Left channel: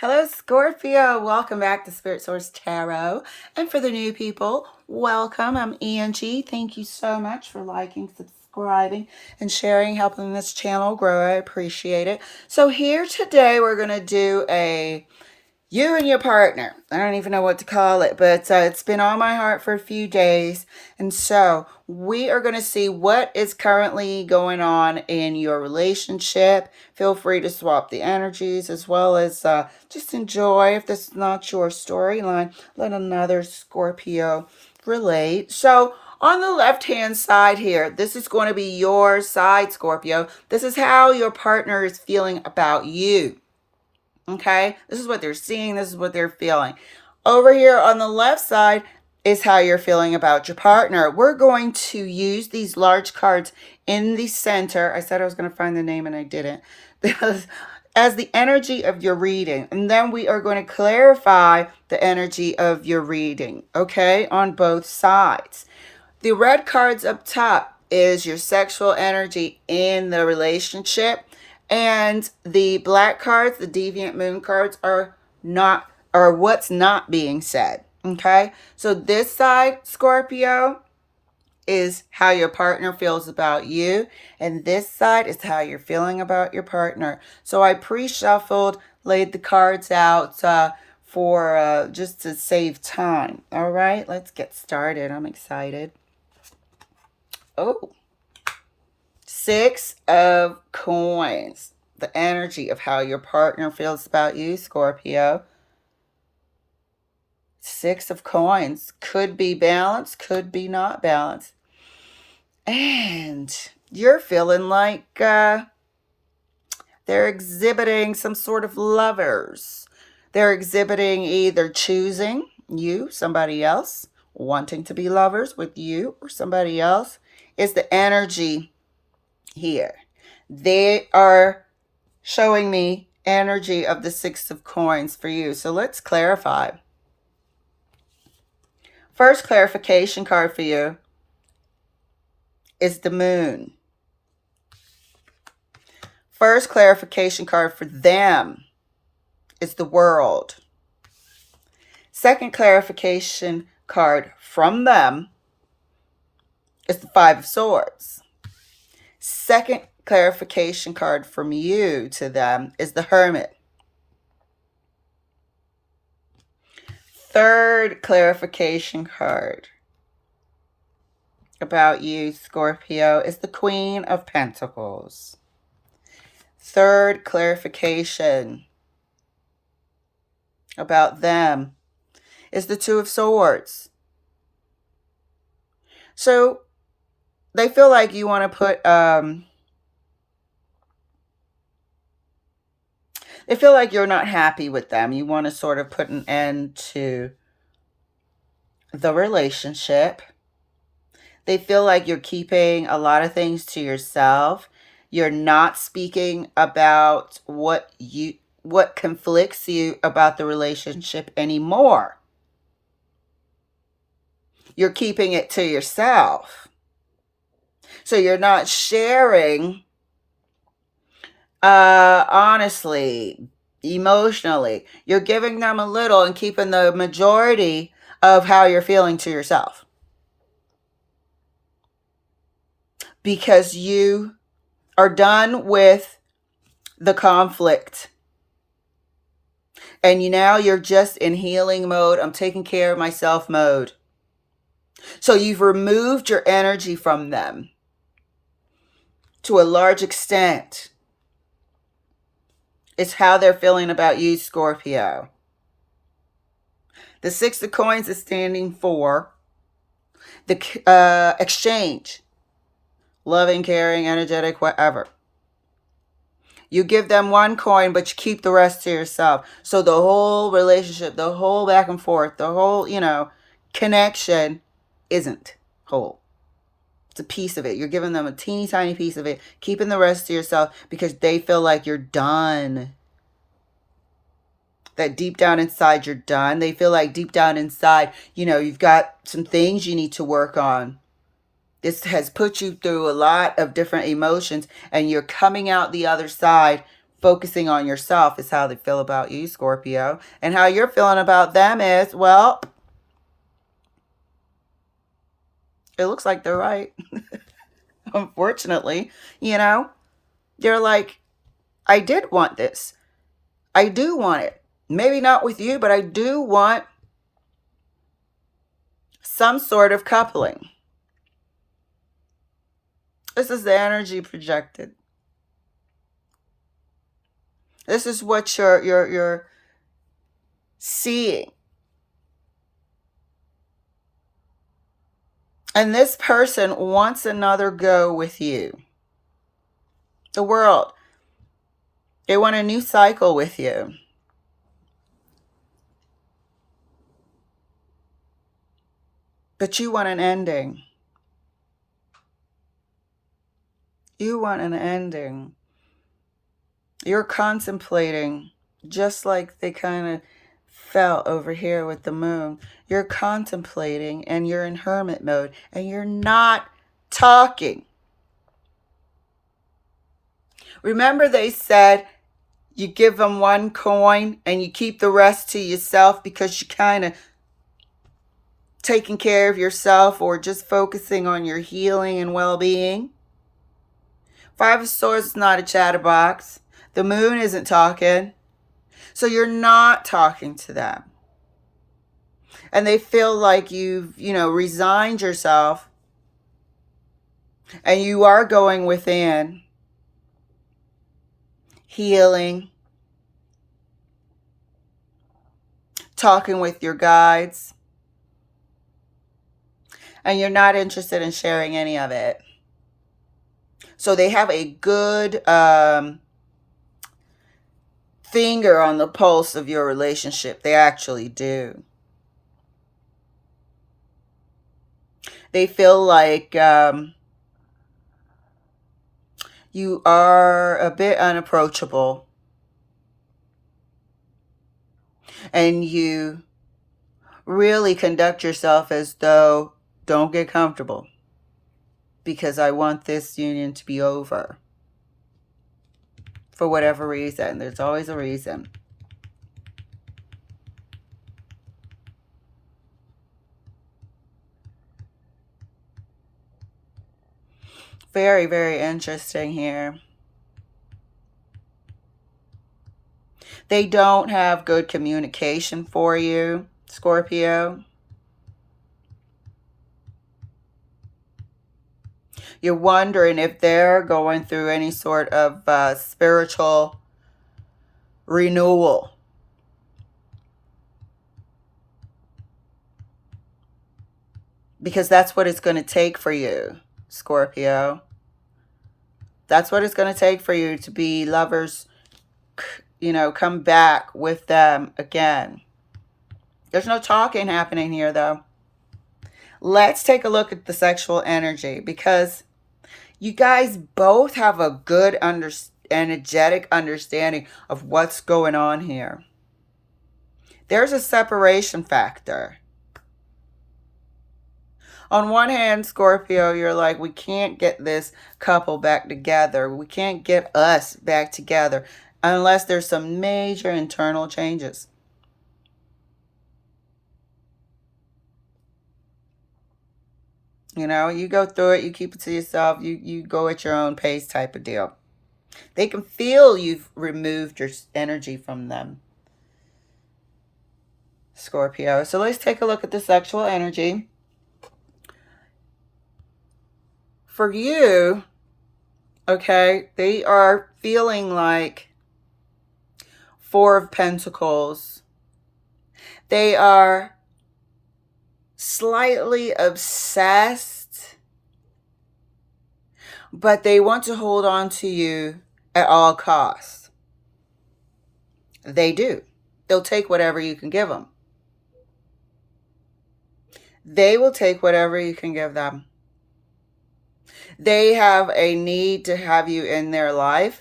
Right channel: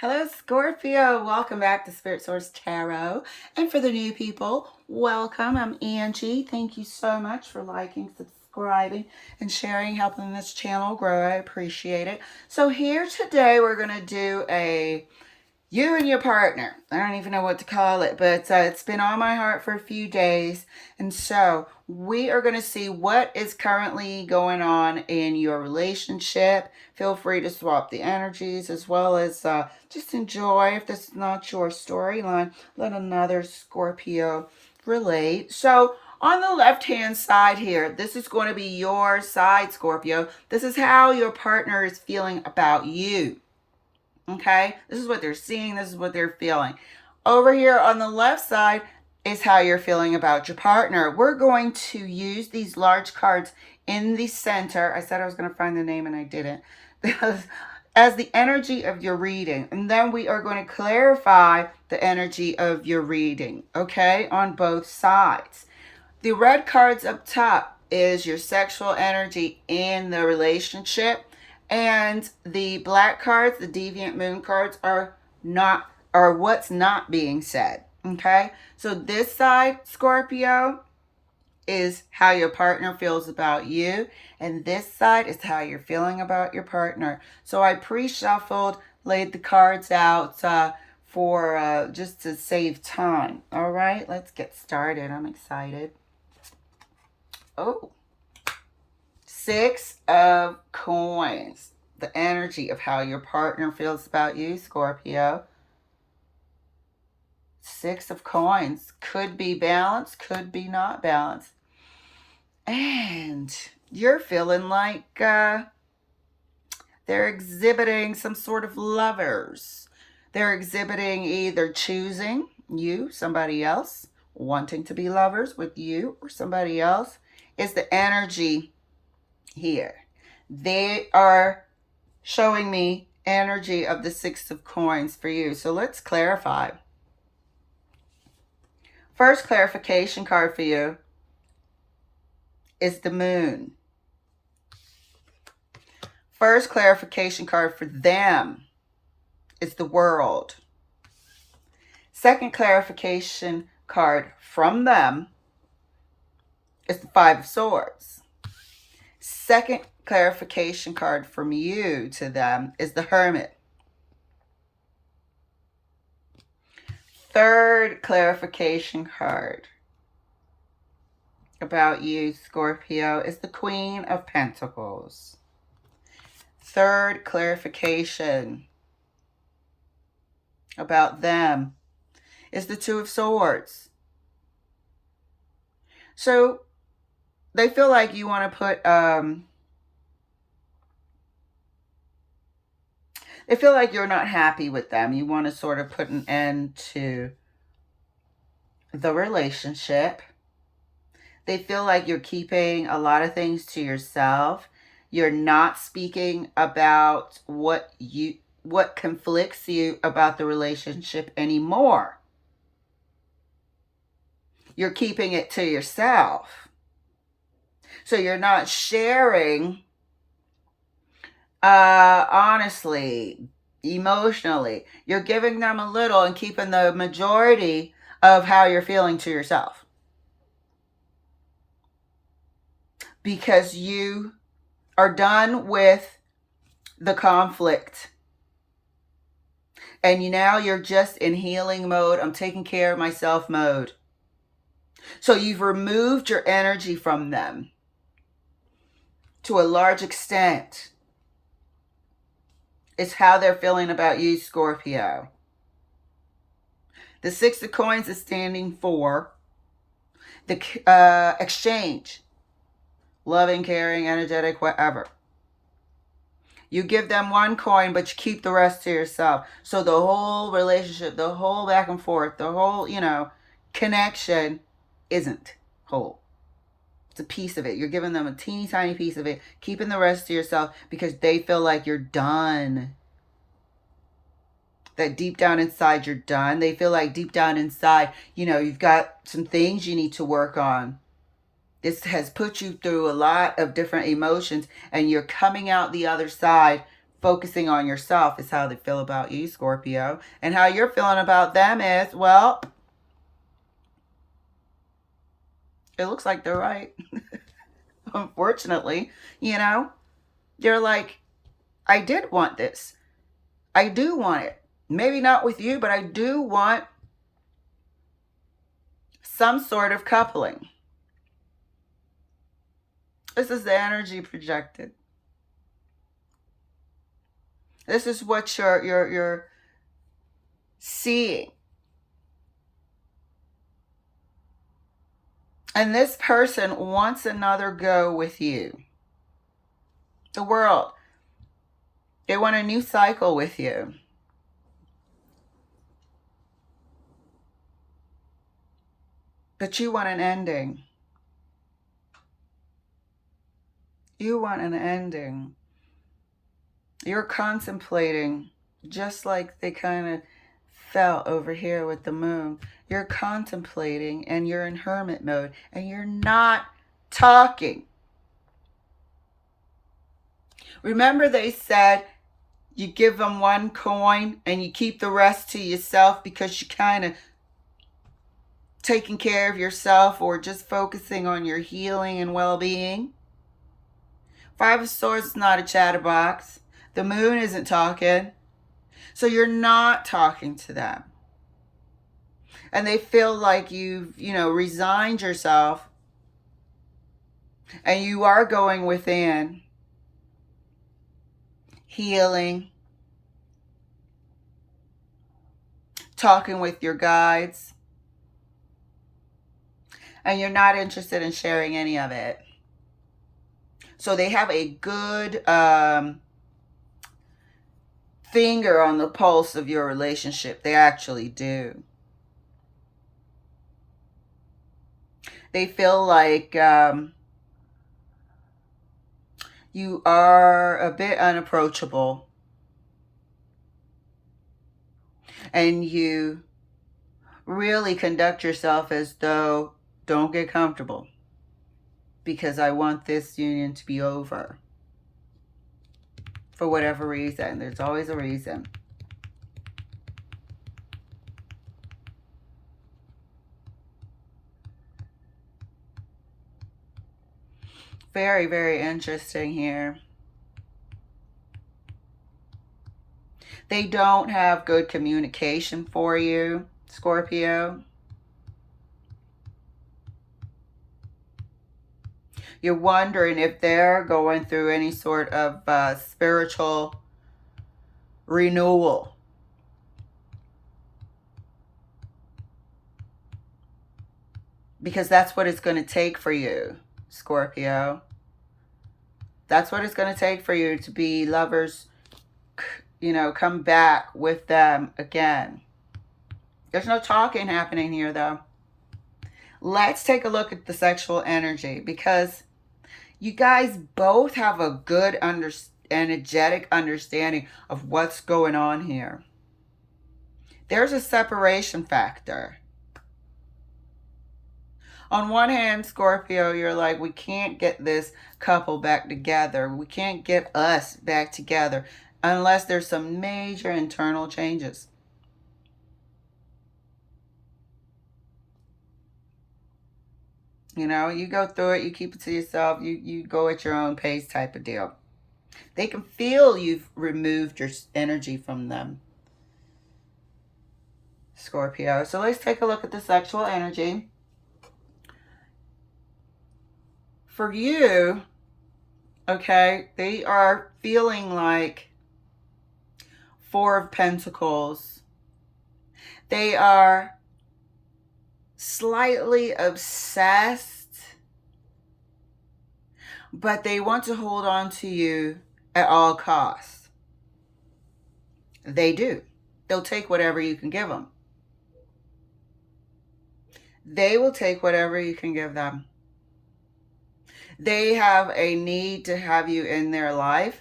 Hello, Scorpio. Welcome back to Spirit Source Tarot. And for the new people, welcome. I'm Angie. Thank you so much for liking, subscribing, and sharing, helping this channel grow. I appreciate it. So, here today, we're going to do a you and your partner. I don't even know what to call it, but it's been on my heart for a few days. And so we are going to see what is currently going on in your relationship. Feel free to swap the energies as well as just enjoy. If this is not your storyline, let another Scorpio relate. So, on the left hand side here, this is going to be your side, Scorpio. This is how your partner is feeling about you. Okay, this is what they're seeing, this is what they're feeling. Over here on the left side is how you're feeling about your partner. We're going to use these large cards in the center. I said I was going to find the name and I didn't. As the energy of your reading. And then we are going to clarify the energy of your reading, okay, on both sides. The red cards up top is your sexual energy in the relationship. And the black cards, the deviant moon cards, are what's not being said. Okay? So this side, Scorpio, is how your partner feels about you. And this side is how you're feeling about your partner. So I pre-shuffled, laid the cards out for just to save time. All right, let's get started. I'm excited. Oh, Six of Coins. The energy of how your partner feels about you, Scorpio. Six of Coins. Could be balanced, could be not balanced. And you're feeling like they're exhibiting some sort of lovers. They're exhibiting either choosing you, somebody else, wanting to be lovers with you or somebody else. Is the energy here. They are showing me energy of the Six of Coins for you. So let's clarify. First clarification card for you is the Moon. First clarification card for them is the World. Second clarification card from them is the Five of Swords. Second clarification card from you to them is the Hermit. Third clarification card about you, Scorpio, is the Queen of Pentacles. Third clarification about them is the Two of Swords. So they feel like you want to put they feel like you're not happy with them. You want to sort of put an end to the relationship. They feel like you're keeping a lot of things to yourself. You're not speaking about what conflicts you about the relationship anymore. You're keeping it to yourself. So you're not sharing honestly, emotionally. You're giving them a little and keeping the majority of how you're feeling to yourself. Because you are done with the conflict. And you're just in healing mode. I'm taking care of myself mode. So you've removed your energy from them to a large extent. It's how they're feeling about you, Scorpio. The Six of Coins is standing for the exchange. Loving, caring, energetic, whatever. You give them one coin, but you keep the rest to yourself. So the whole relationship, the whole back and forth, the whole, connection isn't whole. It's a piece of it. You're giving them a teeny tiny piece of it, keeping the rest to yourself because they feel like you're done. That deep down inside you're done. They feel like deep down inside, you've got some things you need to work on. This has put you through a lot of different emotions and you're coming out the other side focusing on yourself is how they feel about you, Scorpio. And how you're feeling about them is, well, it looks like they're right. Unfortunately, you know, you're like, I did want this. I do want it. Maybe not with you, but I do want some sort of coupling. This is the energy projected. This is what you're seeing. And this person wants another go with you. The world. They want a new cycle with you. But you want an ending. You want an ending. You're contemplating, just like they kind of felt over here with the moon. You're contemplating and you're in hermit mode and you're not talking. Remember, they said you give them one coin and you keep the rest to yourself because you kind of taking care of yourself or just focusing on your healing and well-being. Five of Swords is not a chatterbox. The moon isn't talking. So you're not talking to them. And they feel like you've, resigned yourself and you are going within, healing, talking with your guides, and you're not interested in sharing any of it. So they have a good finger on the pulse of your relationship. They actually do. They feel like you are a bit unapproachable. And you really conduct yourself as though, don't get comfortable, because I want this union to be over. For whatever reason. There's always a reason. Very, very interesting here. They don't have good communication for you, Scorpio. You're wondering if they're going through any sort of spiritual renewal. Because that's what it's going to take for you, Scorpio. That's what it's going to take for you to be lovers, come back with them again. There's no talking happening here, though. Let's take a look at the sexual energy, because you guys both have a good energetic understanding of what's going on here. There's a separation factor. On one hand, Scorpio, you're like, we can't get this couple back together. We can't get us back together unless there's some major internal changes. You go through it, you keep it to yourself, you go at your own pace type of deal. They can feel you've removed your energy from them, Scorpio. So let's take a look at the sexual energy. For you, okay, they are feeling like Four of Pentacles. They are slightly obsessed, but they want to hold on to you at all costs. They do. They'll take whatever you can give them. They will take whatever you can give them. They have a need to have you in their life.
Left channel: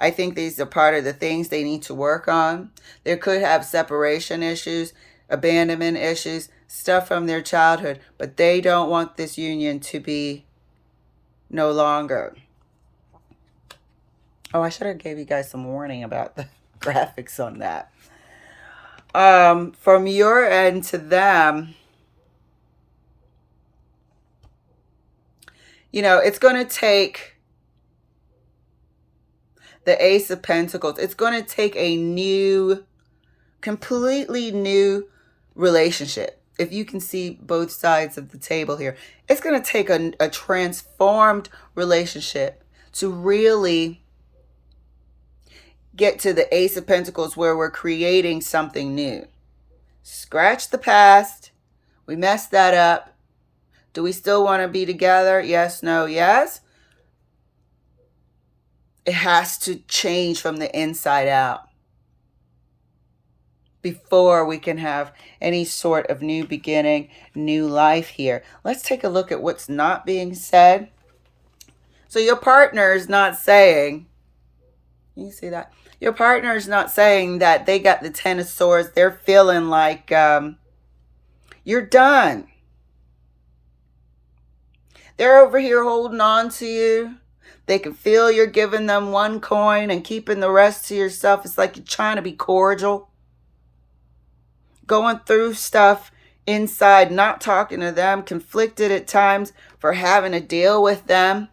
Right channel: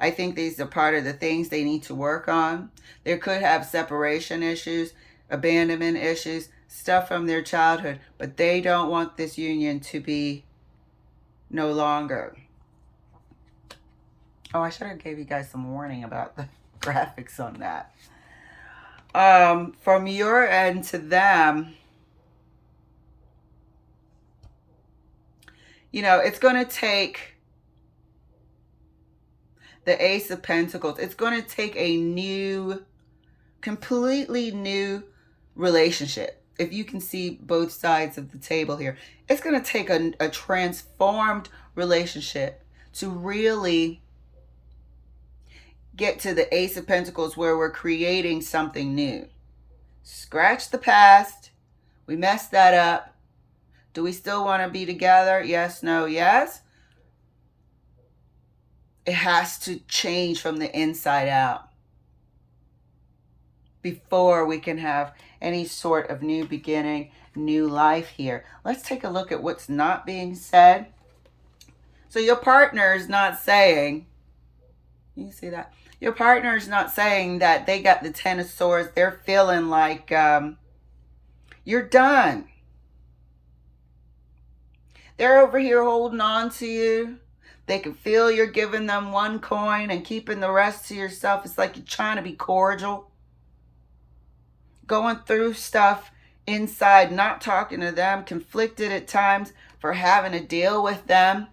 I think these are part of the things they need to work on. They could have separation issues, abandonment issues, stuff from their childhood, but they don't want this union to be no longer. Oh, I should have gave you guys some warning about the graphics on that. From your end to them, you know, it's going to take the Ace of Pentacles. It's going to take a new, completely new relationship. If you can see both sides of the table here, it's going to take a transformed relationship to really get to the Ace of Pentacles where we're creating something new. Scratch the past. We messed that up. Do we still want to be together? Yes, no, yes. It has to change from the inside out before we can have any sort of new beginning, new life here. Let's take a look at what's not being said. So your partner is not saying, you see that? Your partner is not saying that they got the Ten of Swords. They're feeling like you're done. They're over here holding on to you. They can feel you're giving them one coin and keeping the rest to yourself. It's like you're trying to be cordial. Going through stuff inside, not talking to them, conflicted at times for having to deal with them.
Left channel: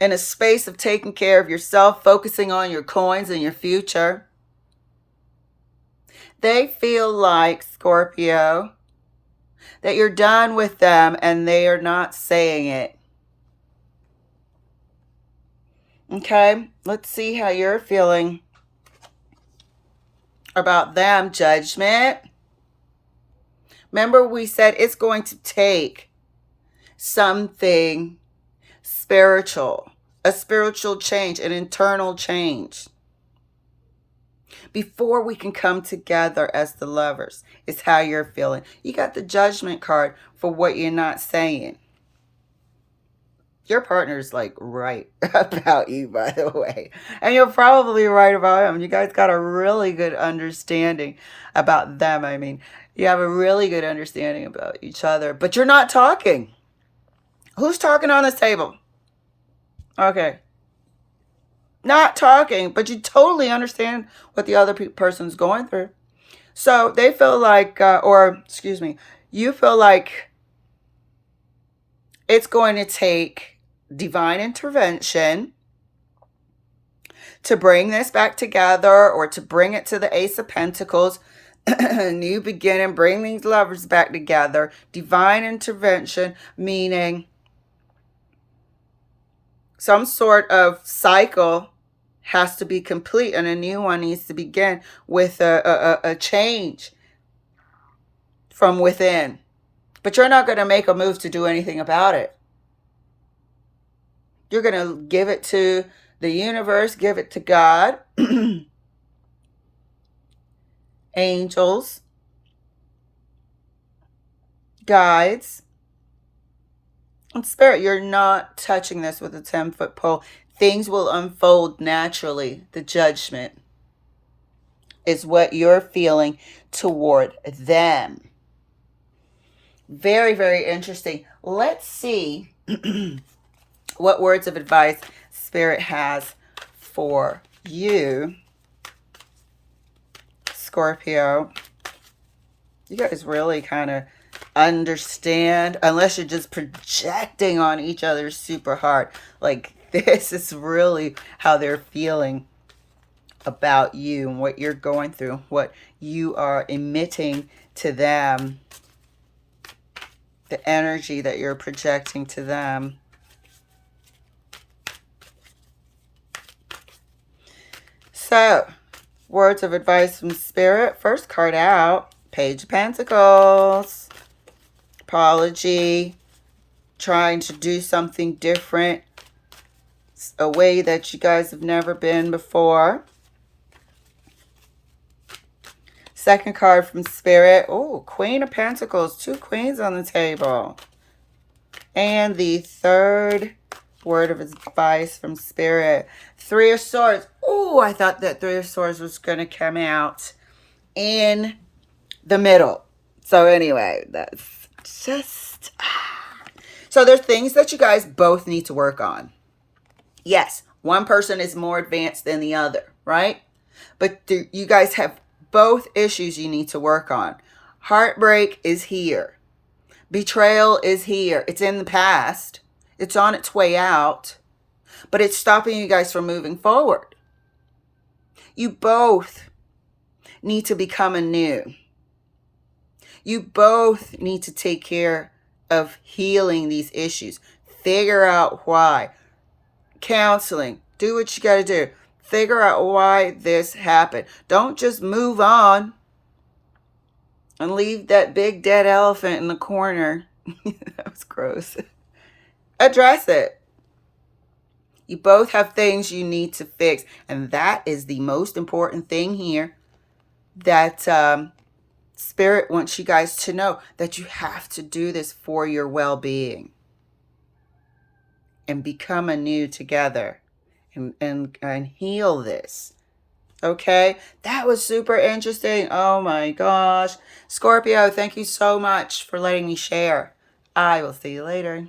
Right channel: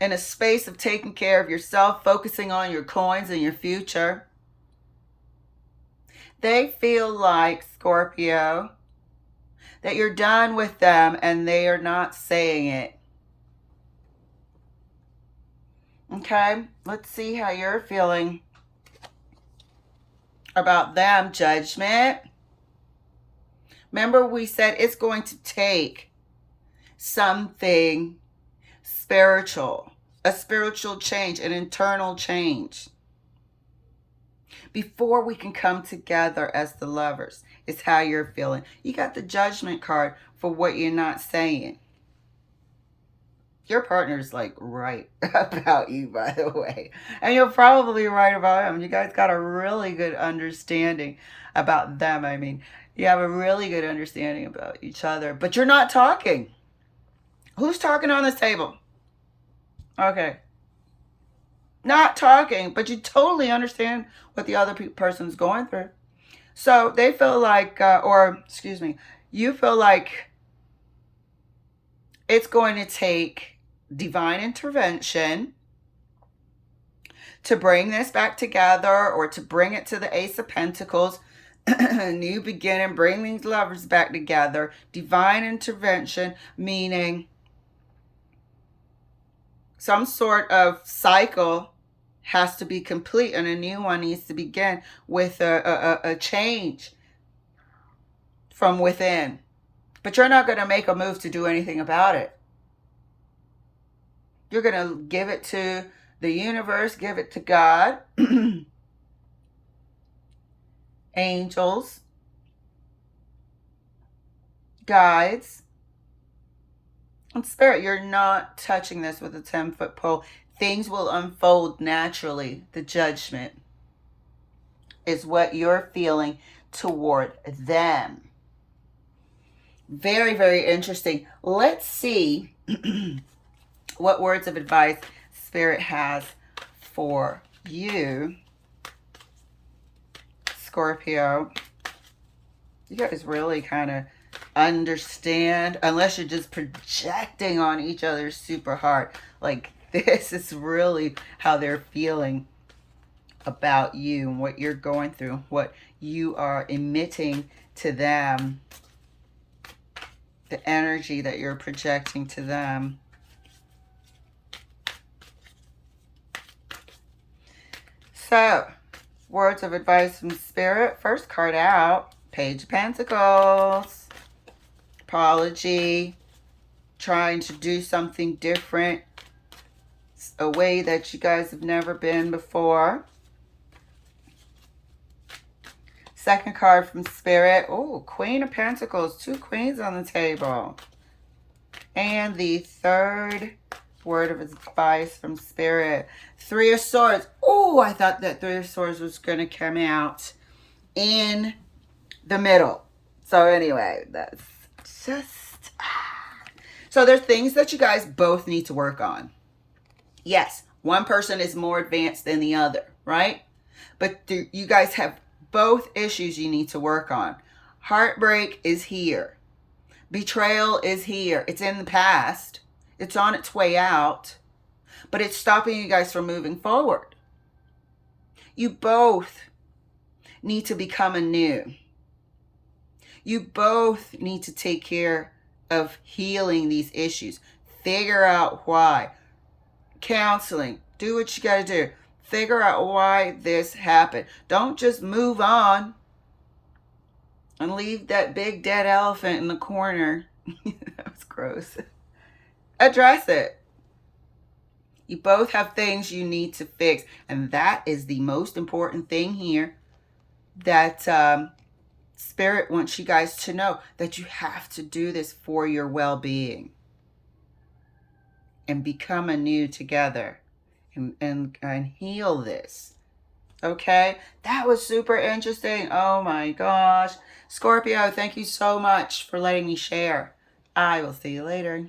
In a space of taking care of yourself, focusing on your coins and your future. They feel like, Scorpio, that you're done with them and they are not saying it. Okay, let's see how you're feeling about them. Judgment. Remember we said it's going to take something spiritual, a spiritual change, an internal change before we can come together as the lovers. It's how you're feeling. You got the Judgment card for what you're not saying. Your partner's like right about you, by the way. And you're probably right about him. You guys got a really good understanding about them. I mean, you have a really good understanding about each other, but you're not talking. Who's talking on this table? Okay. Not talking, but you totally understand what the other person's going through. So they feel like, you feel like it's going to take divine intervention to bring this back together, or to bring it to the Ace of Pentacles. New beginning, bring these lovers back together. Divine intervention, meaning some sort of cycle has to be complete and a new one needs to begin with a change from within. But you're not going to make a move to do anything about it. You're going to give it to the universe, give it to God, angels, guides, and spirit. You're not touching this with a 10-foot pole. Things will unfold naturally. The Judgment is what you're feeling toward them. Very, very interesting. Let's see what words of advice Spirit has for you, Scorpio. You guys really kind of understand, unless you're just projecting on each other super hard. Like, this is really how they're feeling about you and what you're going through, what you are emitting to them, the energy that you're projecting to them. So, words of advice from Spirit. First card out, Page of Pentacles. Apology, trying to do something different, a way that you guys have never been before. Second card from Spirit. Oh, Queen of Pentacles. 2 queens on the table. And the third word of advice from Spirit. 3 of Swords. Oh, I thought that 3 of Swords was going to come out in the middle. So anyway, that's just... So there's things that you guys both need to work on. Yes, one person is more advanced than the other, right? But you guys have both issues you need to work on. Heartbreak is here. Betrayal is here. It's in the past. It's on its way out. But it's stopping you guys from moving forward. You both need to become anew. You both need to take care of healing these issues. Figure out why. Counseling. Do what you got to do. Figure out why this happened. Don't just move on and leave that big dead elephant in the corner. That was gross. Address it. You both have things you need to fix. And that is the most important thing here that Spirit wants you guys to know, that you have to do this for your well-being and become anew together and heal this. Okay, that was super interesting. Oh my gosh. Scorpio, thank you so much for letting me share. I will see you later.